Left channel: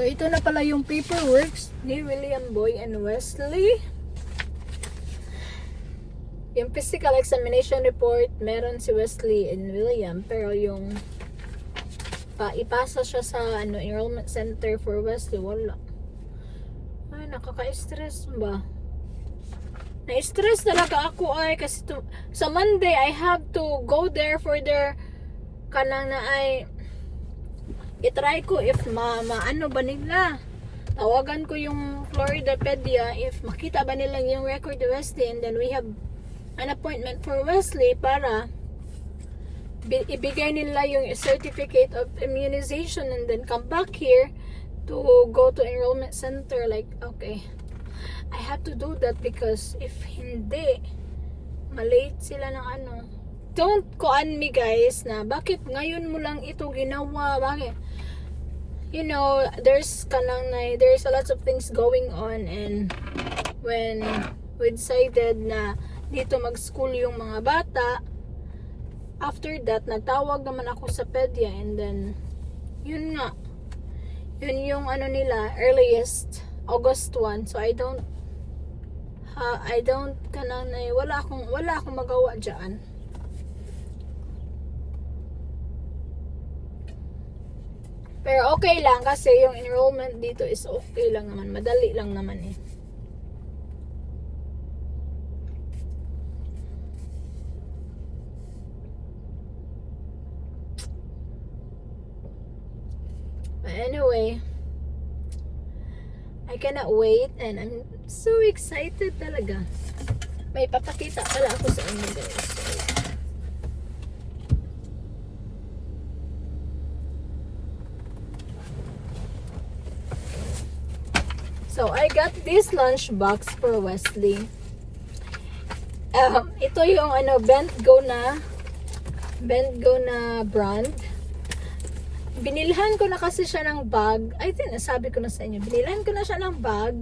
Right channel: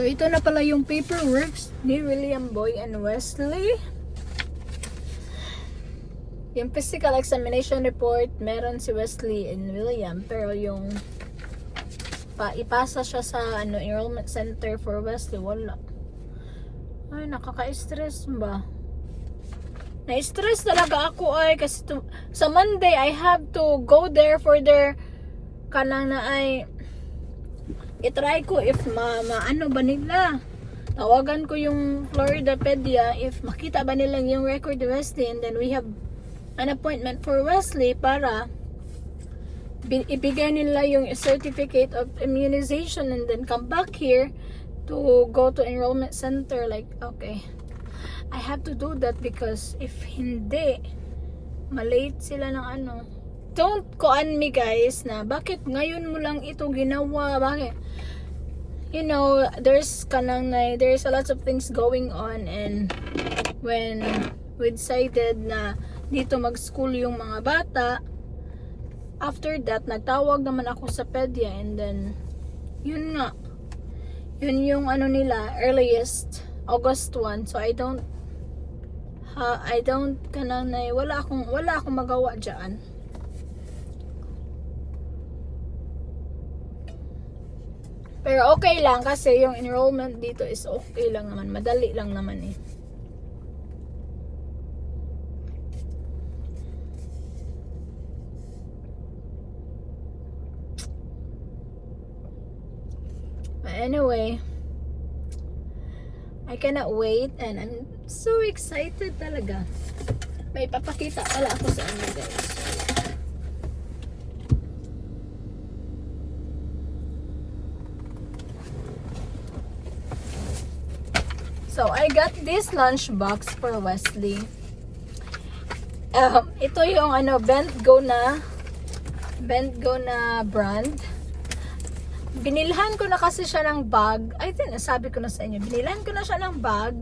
So, ito na pala yung paperwork ni William Boy and Wesley. Yung physical examination report, meron si Wesley and William. Pero yung ipasa siya sa enrollment center for Wesley, wala. Ay, nakaka-stress ba? Na-stress talaga ako ay kasi sa Monday I have to go there for their kanang na ay itry ko if maano ba nila. Tawagan ko yung Floridapedia if makita ba nila yung record ni Wesley, and then we have an appointment for Wesley para ibigay nila yung certificate of immunization and then come back here to go to enrollment center. Like, okay, I have to do that because if hindi, malate sila ng ano. Don't kuan me guys na bakit ngayon mo lang ito ginawa, bakit? You know, there's a lot of things going on, and when we decided na dito mag-school yung mga bata, after that, nagtawag naman ako sa pedia, and then, yun nga, yun yung ano nila, earliest, August 1, so I don't, wala akong magawa dyan. Pero okay lang kasi yung enrollment dito is okay lang naman, madali lang naman eh. But anyway, I cannot wait and I'm so excited talaga. May papakita pala ako sa inyo guys. So I got this lunchbox for Wesley. Ito yung Bent Go na brand. Binilhan ko na kasi siya ng bag. I think nasabi ko na sa inyo. Binilhan ko na siya ng bag.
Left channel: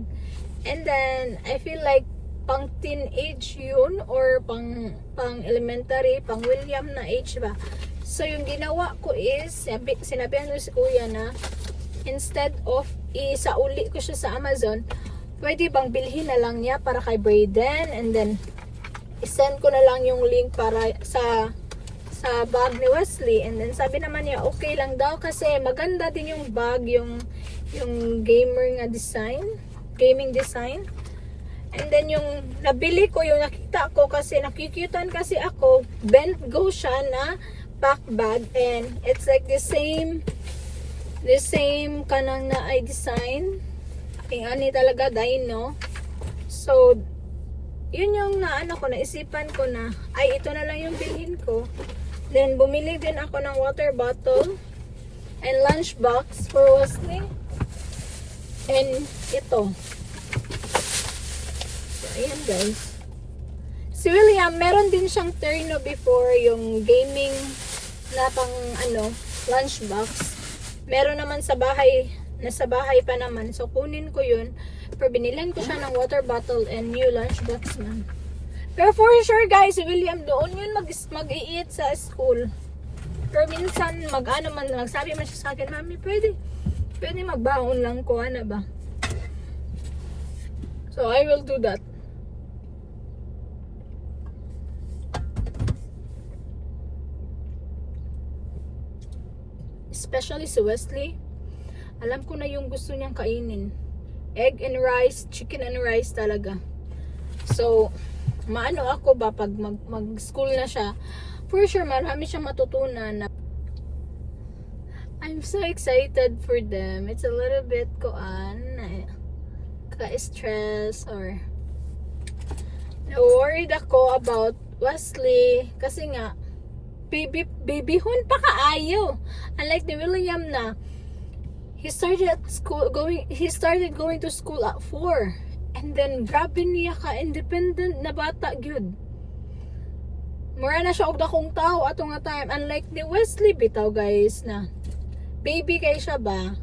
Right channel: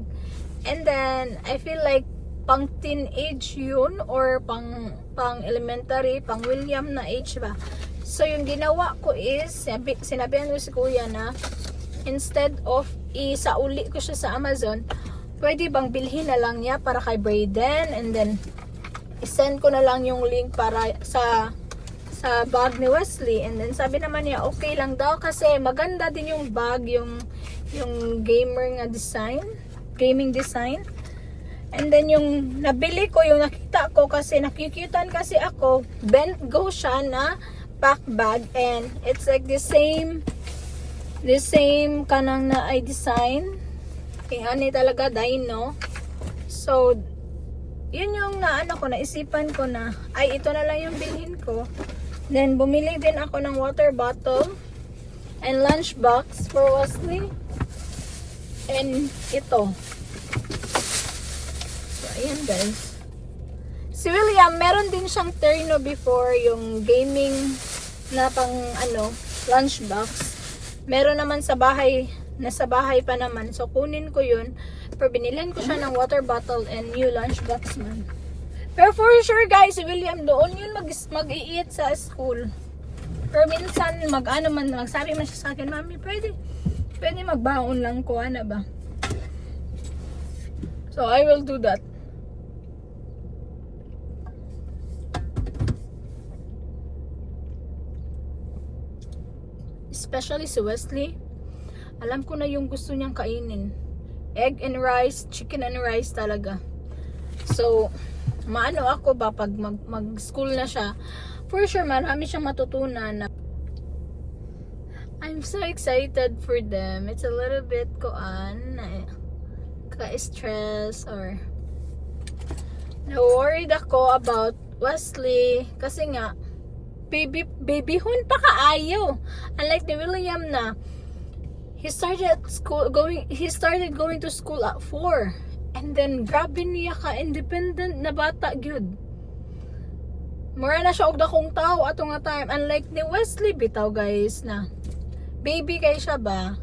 And then, I feel like pang teenage yun or pang elementary, pang William na age ba. So, yung ginawa ko is, sinabihan ko si kuya na instead of isauli ko siya sa Amazon, pwede bang bilhin na lang niya para kay Brayden, and then isend ko na lang yung link para sa bag ni Wesley. And then sabi naman niya okay lang daw kasi maganda din yung bag, yung gaming design. And then yung nabili ko, yung nakita ko kasi nakikitan kasi ako, Bent Go siya na pack bag, and it's like the same kanang na ay design. Ani talaga dino. So yun yung naisipan ko na ay ito na lang yung bilhin ko. Then, bumili din ako ng water bottle and lunch box for Wesley. And ito. So, ayan guys. Si William, meron din siyang terno before, yung gaming na pang lunch box. Meron naman sa bahay, nasa bahay pa naman. So, kunin ko yun. Pero binilhan ko siya ng water bottle and new lunch box man. Pero for sure guys, si William doon yun mag-i-eat sa school. Pero minsan magsabi man siya sa akin, Mami, pwede magbaon lang ko, ano ba? So I will do that. Especially si Wesley, alam ko na yung gusto niyang kainin. Egg and rice, chicken and rice talaga. So maano ako ba pag mag-school na siya, for sure marami siyang matutunan na. I'm so excited for them. It's a little bit ka-stress or na-worried ako about Wesley kasi nga babyhon pa kaayo. Unlike ni William na he started going to school at 4. And then, grabe niya ka-independent na bata, gyud. Mura na siya og dakong tao ato nga time. Unlike ni Wesley, bitaw guys, na baby kay siya ba?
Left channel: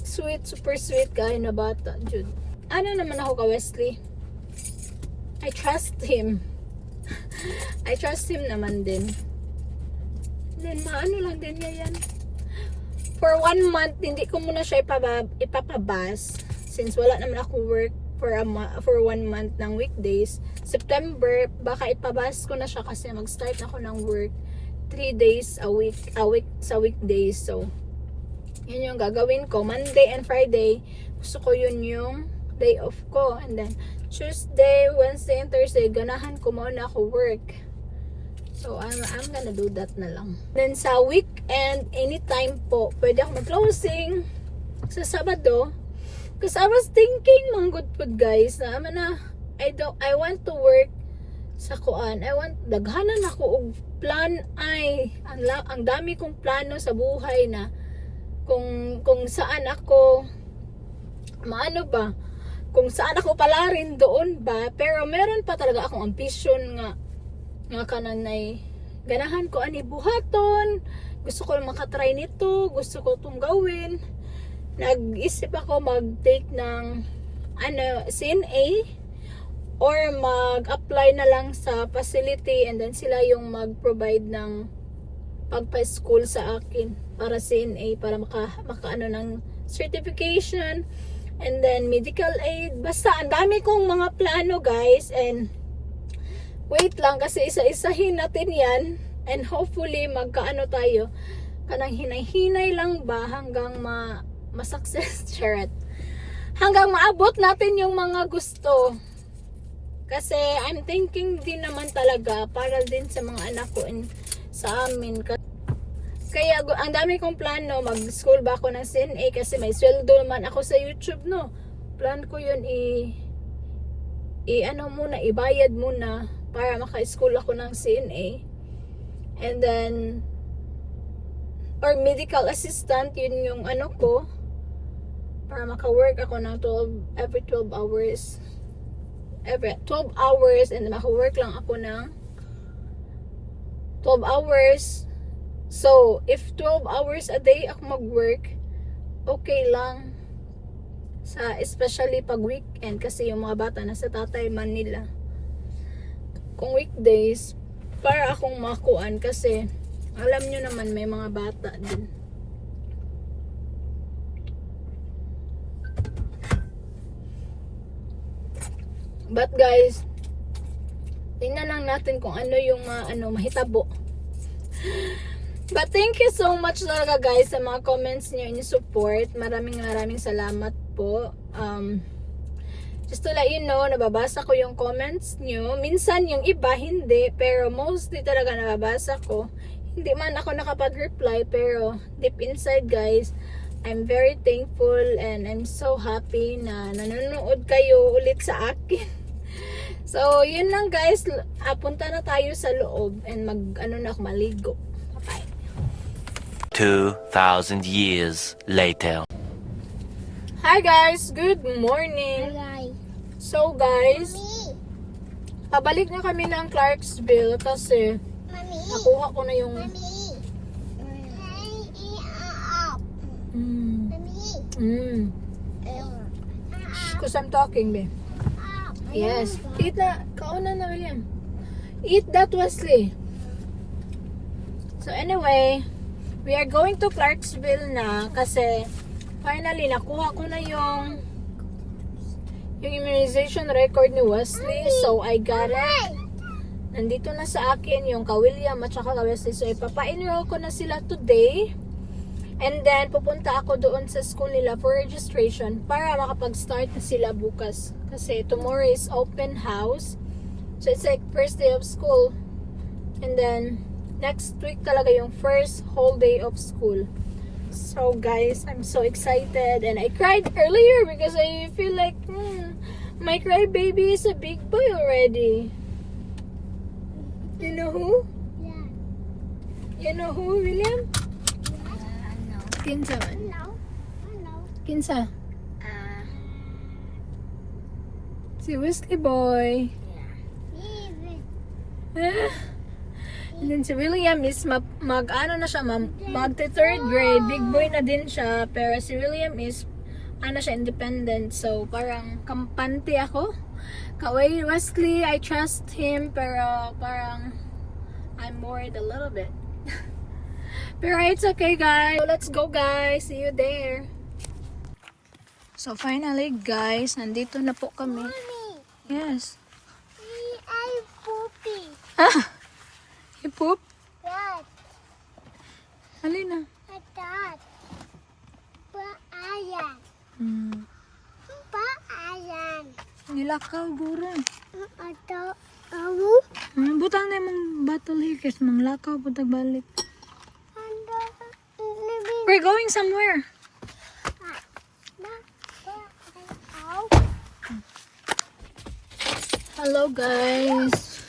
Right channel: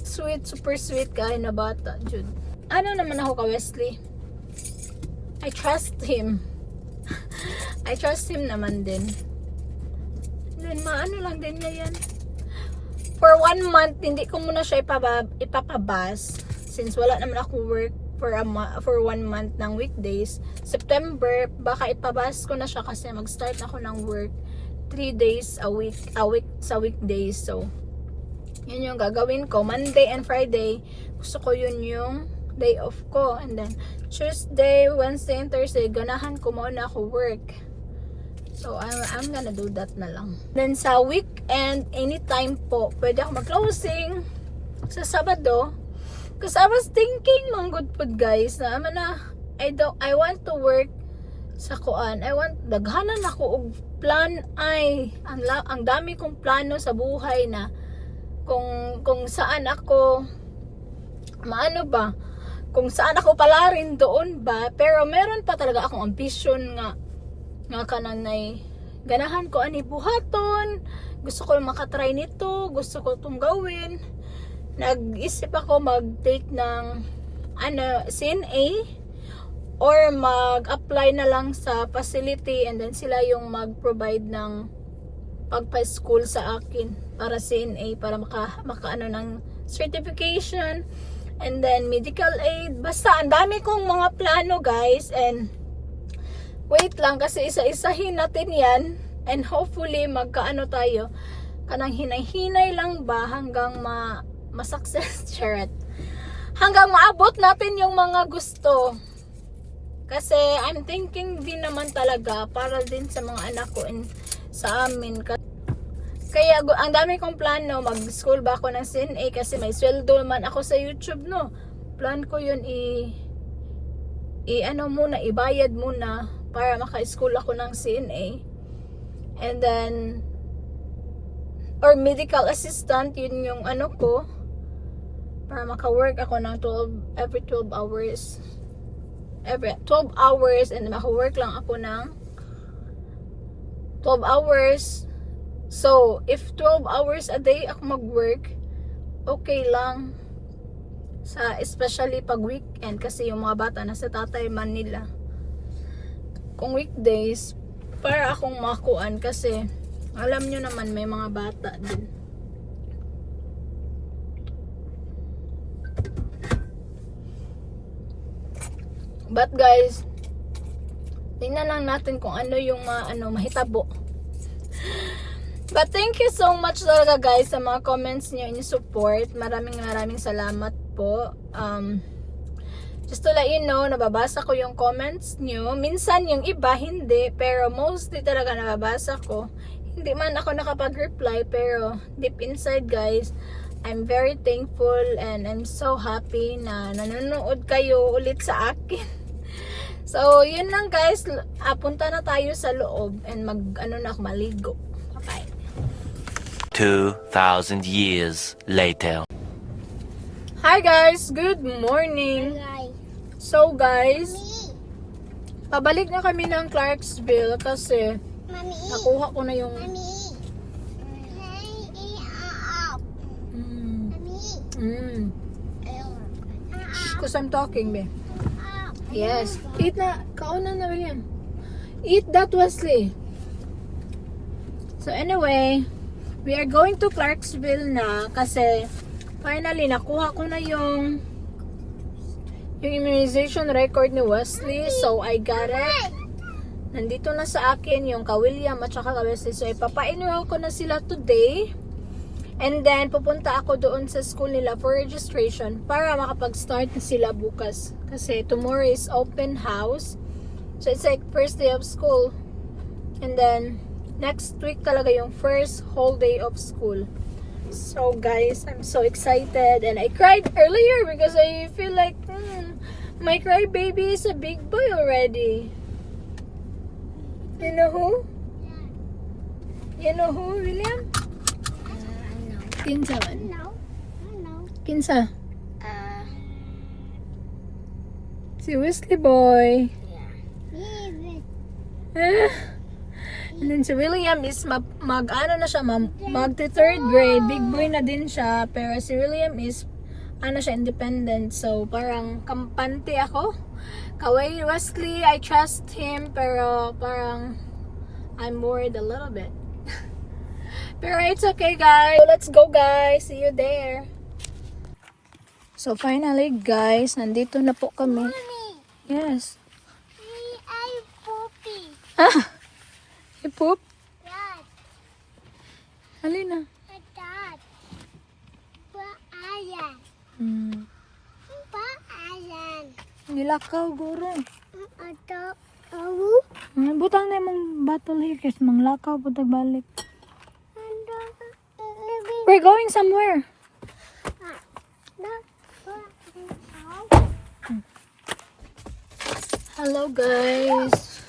Sweet, super sweet kayo na bata, gyud. Ano naman ako ka Wesley? I trust him. I trust him naman din. And then, maano lang din niya yan. for 1 month, hindi ko muna siya ipapabas. Since wala naman ako work for 1 month ng weekdays. September, baka ipabas ko na siya kasi mag-start ako ng work 3 days a week sa weekdays. So, yun yung gagawin ko. Monday and Friday, gusto ko yun yung day off ko. And then, Tuesday, Wednesday, and Thursday, ganahan ko muna ako work. So, I'm gonna do that na lang. Then, sa weekend, anytime po, pwede ako mag-closing sa Sabado. Because I was thinking, mang good food guys, na I want to work sa kuan. Daghanan ako og plan ay. Ang dami kong plano sa buhay na kung saan ako kung saan ako palarin doon ba, pero meron pa talaga akong ambition nga kananay ganahan ko ani buhaton, gusto ko makatry nito, gusto ko itong gawin. Nag-isip ako mag-take ng CNA or mag-apply na lang sa facility and then sila yung mag-provide ng pagpa-school sa akin para CNA, para makaano ng certification and then medical aid. Basta ang dami kong mga plano guys, and wait lang kasi isa-isahin natin yan and hopefully magkaano tayo, kanang hinay-hinay lang ba hanggang ma-success charot. Hanggang maabot natin yung mga gusto. Kasi I'm thinking din naman talaga para din sa mga anak ko and sa amin. Kaya ang dami kong plano, mag-school ba ako ng CNA kasi may sweldo naman ako sa YouTube, no. Plan ko yun ibayad muna para maka-school ako ng CNA. And then or medical assistant, yun yung ko para maka-work ako ng every 12 hours and maka-work lang ako ng 12 hours. So if 12 hours a day ako mag-work, okay lang especially pag weekend kasi yung mga bata nasa tatay man nila. Kung weekdays, para akong makuan kasi alam nyo naman may mga bata din. But guys, tingnan lang natin kung ano yung mahitabo. But thank you so much talaga guys sa mga comments niyo and support. Maraming salamat po. Just to let you know, nababasa ko yung comments niyo. Minsan yung iba hindi, pero mostly talaga nababasa ko. Hindi man ako nakapag-reply, pero deep inside guys, I'm very thankful and I'm so happy na nanonood kayo ulit sa akin. So, yun lang guys. Punta na tayo sa loob and ako maligo. Bye. 2,000 years later. Hi guys, good morning. Hi. So guys, pabalik na kami ng Clarksville kasi Mommy. nakuha ko na yung Mommy. Because I'm talking, babe. Yes. Eat na. Kauna na, William. Eat that, Wesley. So anyway, we are going to Clarksville na kasi finally nakuha ko na yung immunization record ni Wesley. So I got it. Nandito na sa akin yung ka-William at saka ka-Wesley. So ipapa-enroll ko na sila today. And then, pupunta ako doon sa school nila for registration para makapag-start na sila bukas. Kasi tomorrow is open house. So, it's like first day of school. And then, next week talaga yung first whole day of school. So, guys, I'm so excited. And I cried earlier because I feel like, my crybaby is a big boy already. You know who? Yeah. You know who, William? Kinsa man? No. No. Kinsa? Si Wesley boy. Yeah. And then si William is mag-ano na siya, mag-3rd grade. Big boy na din siya. Pero si William is, siya, independent. So, parang kampante ako. Kaway Wesley, I trust him. Pero parang, I'm worried a little bit. Pero it's okay, guys. Let's go, guys. See you there. So, finally, guys, nandito na po kami. Yes. I poopy. Ah! Ipoop? Yes, Halina. I dad. But ayan. But ayan. Nilakaw, guro. Ato, awu. Butang na mong battle hikis. Manglakaw, butag balik. We're going somewhere. Hello, guys.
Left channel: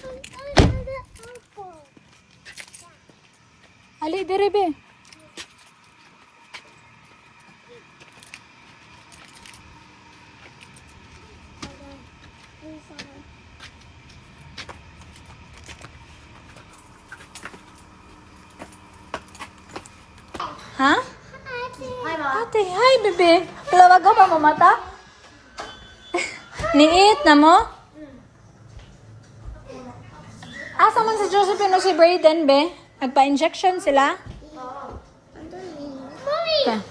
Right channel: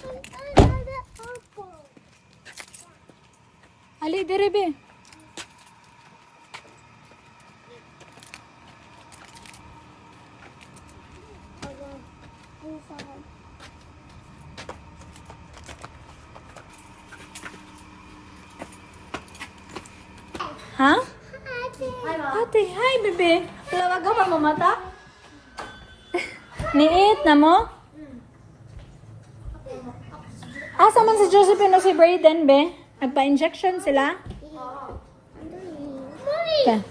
Ali, dire be. Ha? Ate, hi, bebe. Wala bago pa mamata? Niit na mo? Asa man sa Josephine o si Brayden, be? Nagpa-injection sila? Okay.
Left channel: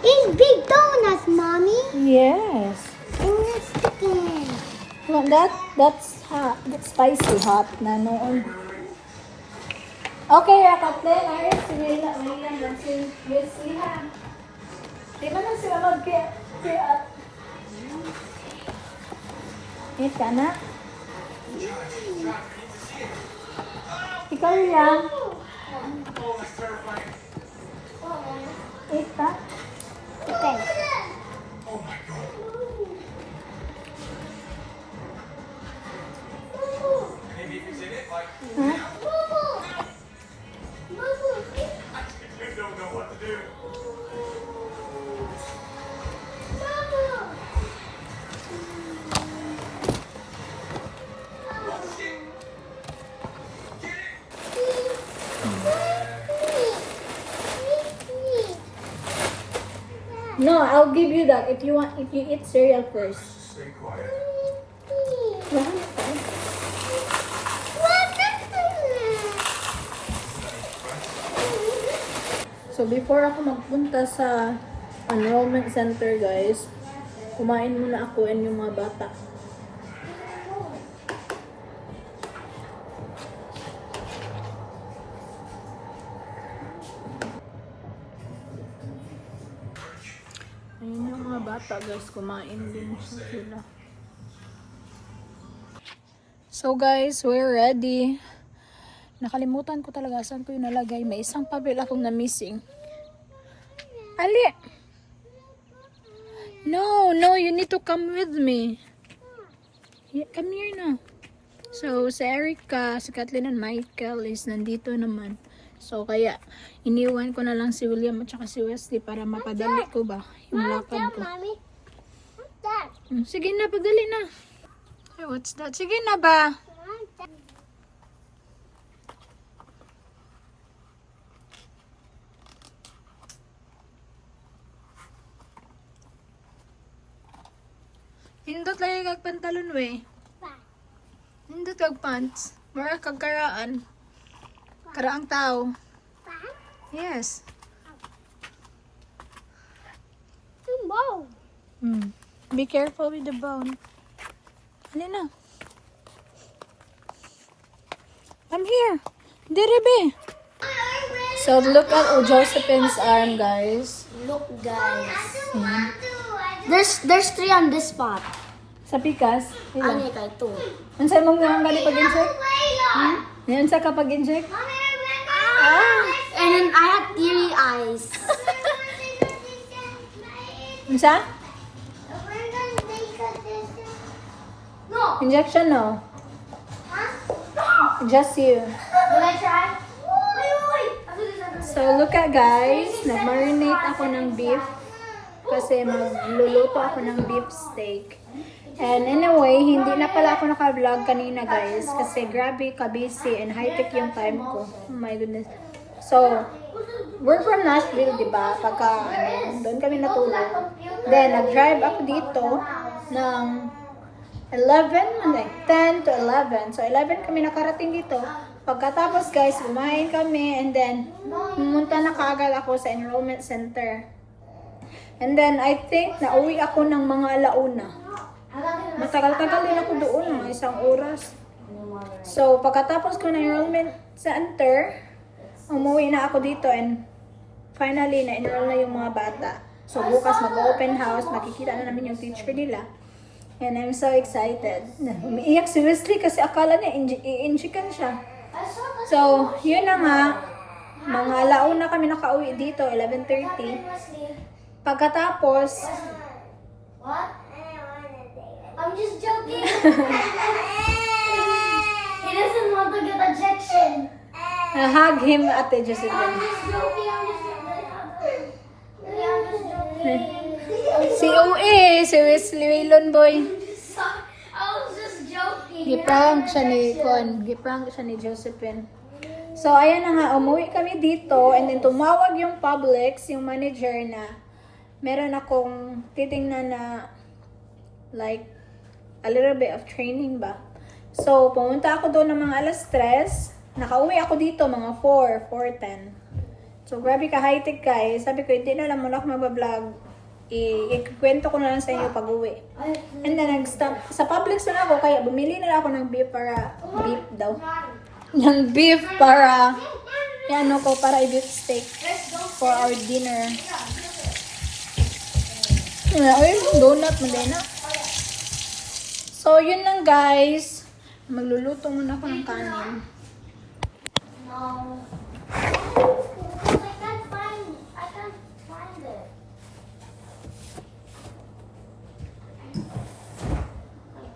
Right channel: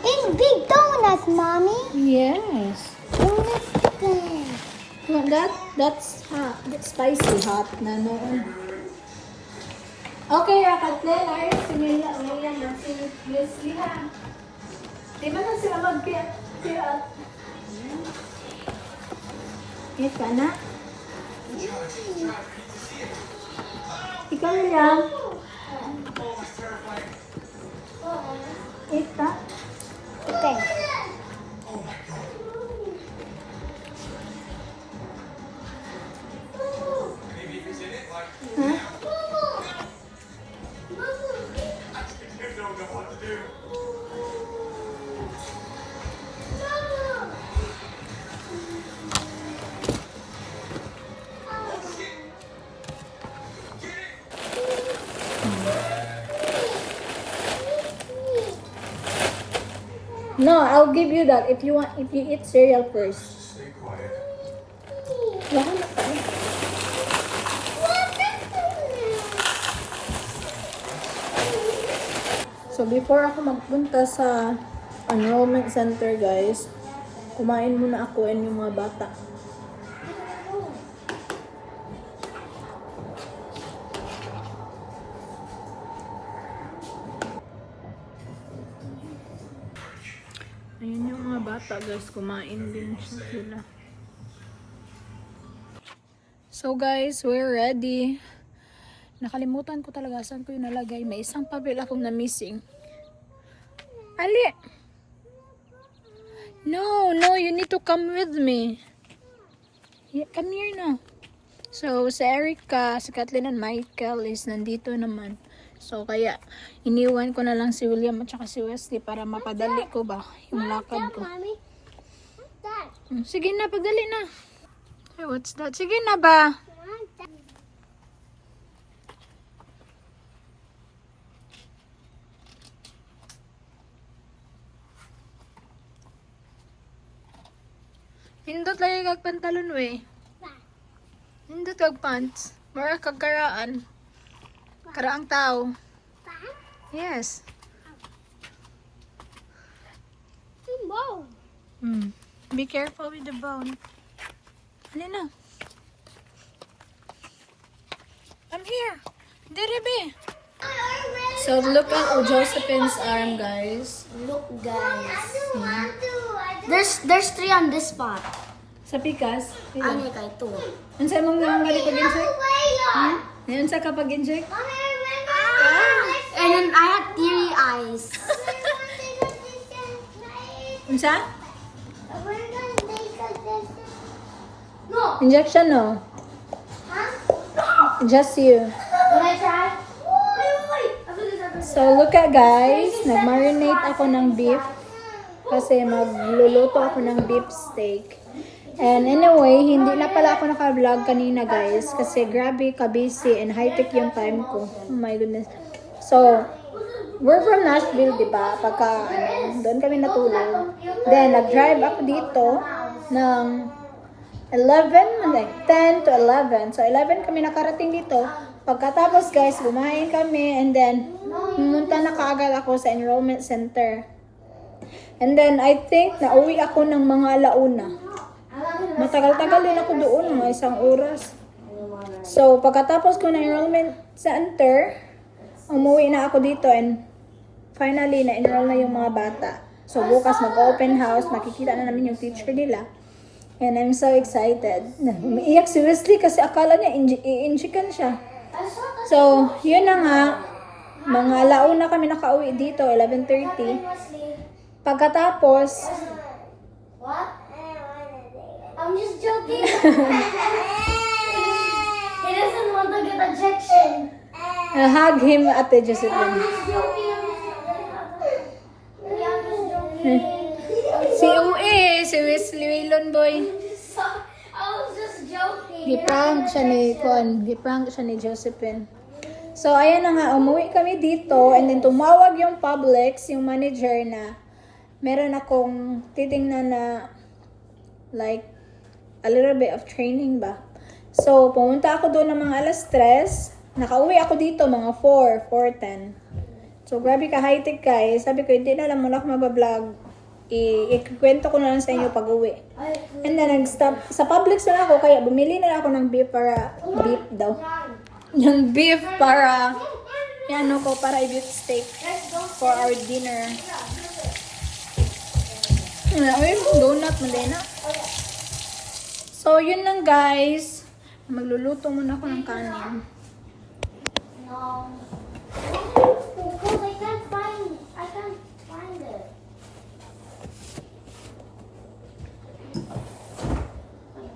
It's big donuts, mommy. Yes. It's chicken. No, that's hot. That's spicy hot na noon. Okay, Kathleen, ayos sila. Ulian na si Miss Ihan. Di ba na sila mag-piat? Yes ka na? Ikaw lang. Yes pa? Chicken. Huh? No, I'll give you that if you want. If you eat cereal first. Stay quiet. Yeah. So before ako magpunta sa enrollment center, guys, kumain muna ako and yung mga bata. Ayun yung mga bata, guys, kumain din sila. So guys, we're ready. Nakalimutan ko talaga saan ko yung nalagay. May isang papel akong na-missing. Ali! No, you need to come with me. Yeah, come here na. So, si Erica, si Kathleen and Michael is nandito naman. So, kaya iniwan ko na lang si William at saka si Wesley para mapadali ko ba yung lakad ko. Mommy, what's that? Sige na, pagdali na. Hey, what's that? Sige na ba? Hindot lagi kag pantalon we. Hindot kag pants. Mara kag karaan. Karaang tao. Yes. Wow. Be careful with the bone. Halina. I'm here. Direbe. So look at Josephine's arm, guys. Look, guys. There's 3 on this spot. Sa pikas. Ano kay 2? Unsa mong nga gali pag-inject? Yan sa kapag inject? And then I had teary eyes. Unsa? Injection no. Just you. Can I try? So look at guys, nag-marinate ako ng beef kasi magluluto ako ng beef steak. And anyway, hindi na pala ako naka-vlog kanina guys kasi grabe ka-busy and high-tech yung time ko. Oh my goodness. So, we're from Nashville, diba? Pagka, doon kami natulog. Then, nag-drive ako dito ng 11, like 10 to 11. So 11 kami nakarating dito. Pagkatapos guys, kumain kami and then pumunta na kaagad ako sa enrollment center. And then I think nauwi ako ng mga alauna. Matagal-tagal din ako doon, mga 1 oras. So pagkatapos ko ng enrollment center, umuwi na ako dito and finally na-enroll na yung mga bata. So bukas mag-open house, makikita na namin yung teacher nila. And I'm so excited. Umiiyak si Wesley kasi akala niya i-injikan siya. So, yun na nga. Mga alauna kami nakauwi dito, 11:30. Pagkatapos, What? I'm just joking. He doesn't want to get ejection. hug him Ate Josephine. I'm just joking. Si Ue, si Wesley Waylon boy. I was just joking. Giprank siya ni Con. Giprank siya ni Josephine. So, ayan na nga. Umuwi kami dito. And then, tumawag yung Publix, yung manager na meron akong titingnan na like a little bit of training ba. So, pumunta ako doon ng mga alas 3. Nakauwi ako dito mga 4:10. So, grabe ka high-tech guys. Sabi ko, hindi na lang muna ako magbablog. Ikikwento ko na lang sa inyo pag-uwi. And then, nag-stop. Sa Publix na ako, kaya bumili na lang ako ng beef para, beef daw. Yung beef para, yan ko, para i-beef steak for our dinner. Ay, donut mo din na. So, yun lang guys. Magluluto muna ako ng kanin. I can't find it.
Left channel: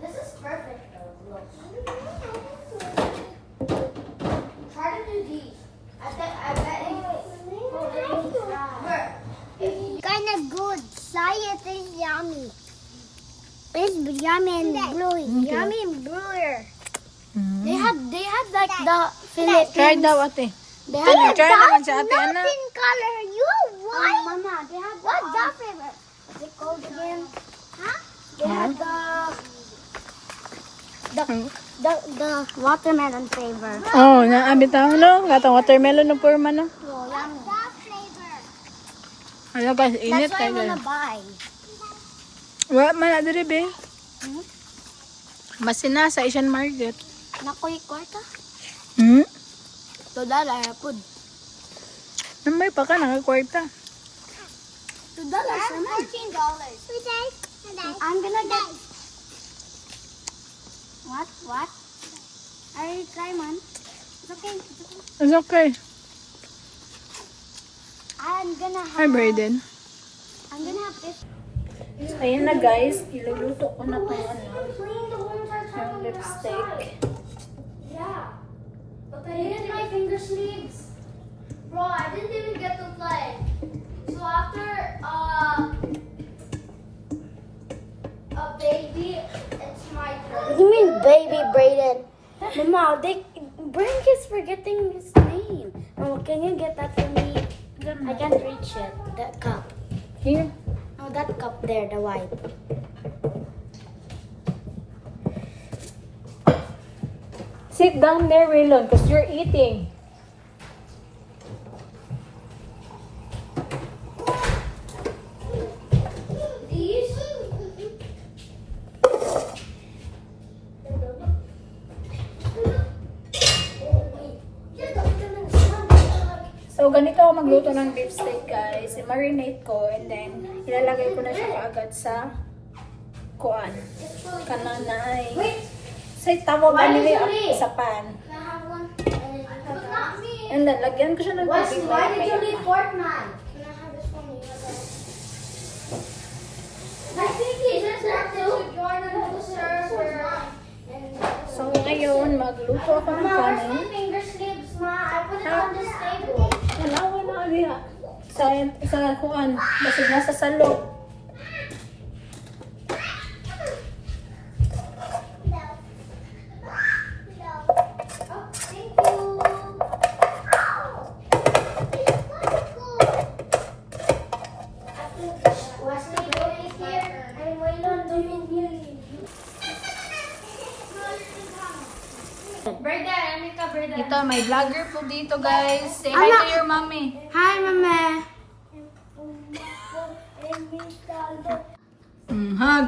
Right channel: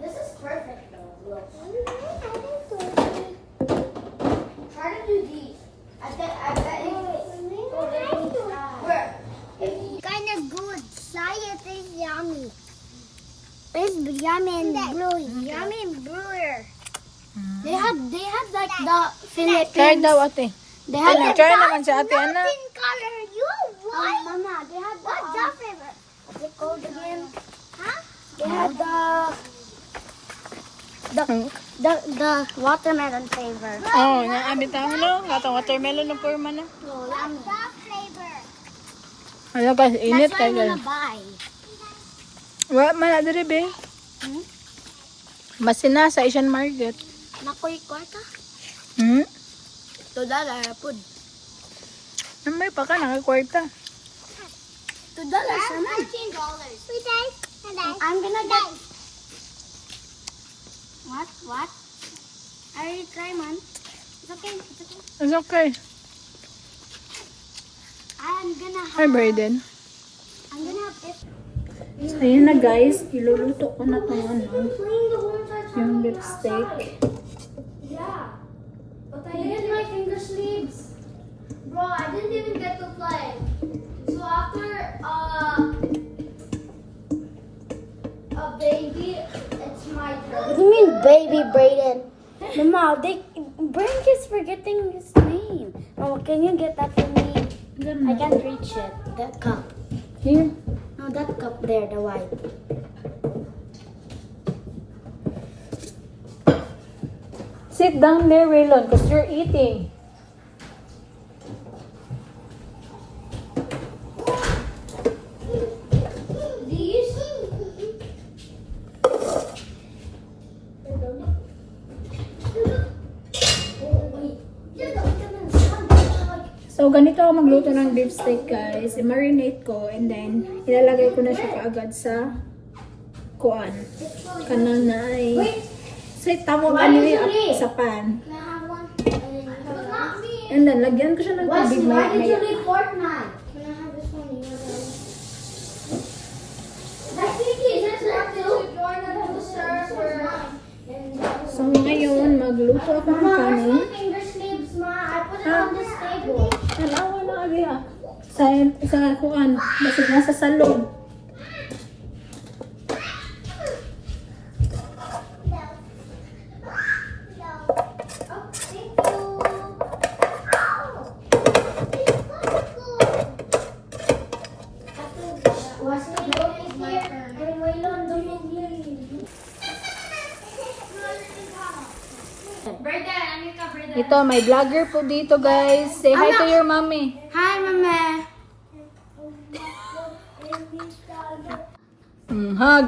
This is perfect though. Look. Try to do these. I bet you. Kind of good. It is yummy. It's yummy and blue. Yummy and bluer. They had like the Philippines. Try daw ate. They Ano, had try naman si ate Ana. pink color. You white. Mama, they had what's that flavor? What's it called again? Huh? They had the watermelon flavor. Oh, naabit ako no? Gatong watermelon na forma no? What's that flavor? Ano guys, init That's what I kayo. wanna buy. Wa man na diri be. Hmm? Masina sa Asian Market. Nakoy kwarta? $2 Pud. Namay pa ka nakakwarta. $2 naman. I'm gonna get. What? I already try man. It's okay. It's okay. I'm gonna have. Hi Brayden. I'm gonna have this. So ayan na guys, iluluto ko na itong ano, Clean the ones I tried. yung beef steak. Yeah. Okay. You hit my finger sleeves. Bro, I didn't even get to play. So after a baby, it's my turn. You mean baby Brayden? Mama, Brayden keeps forgetting his name. Oh, can you get that for me? I can't reach it. That cup. Here. No, that cup there, the white. Sit down there, Waylon, because you're eating. These? So, ganito ako magluto ng beef steak, guys. I-marinate ko and then ilalagay ko na siya kaagad sa kuan. Kanang na ay sa tawag anili sa pan. Can I have one? And then, lagyan ko siya ng tubig maya-maya. Fortnite? Can I have this one? You have that one? I think he's just there too. Join the server. So, ngayon, magluto ako ng kanin. Finger sleeves, Ma. I put it on this table. Natawa na kami ha. Sa kuan. Basig nasa salog. Thank you. Wesley, go here and wait on the Ito, may vlogger po dito, guys. Say hi Ama. to your mommy. Hi, Mama. Hug.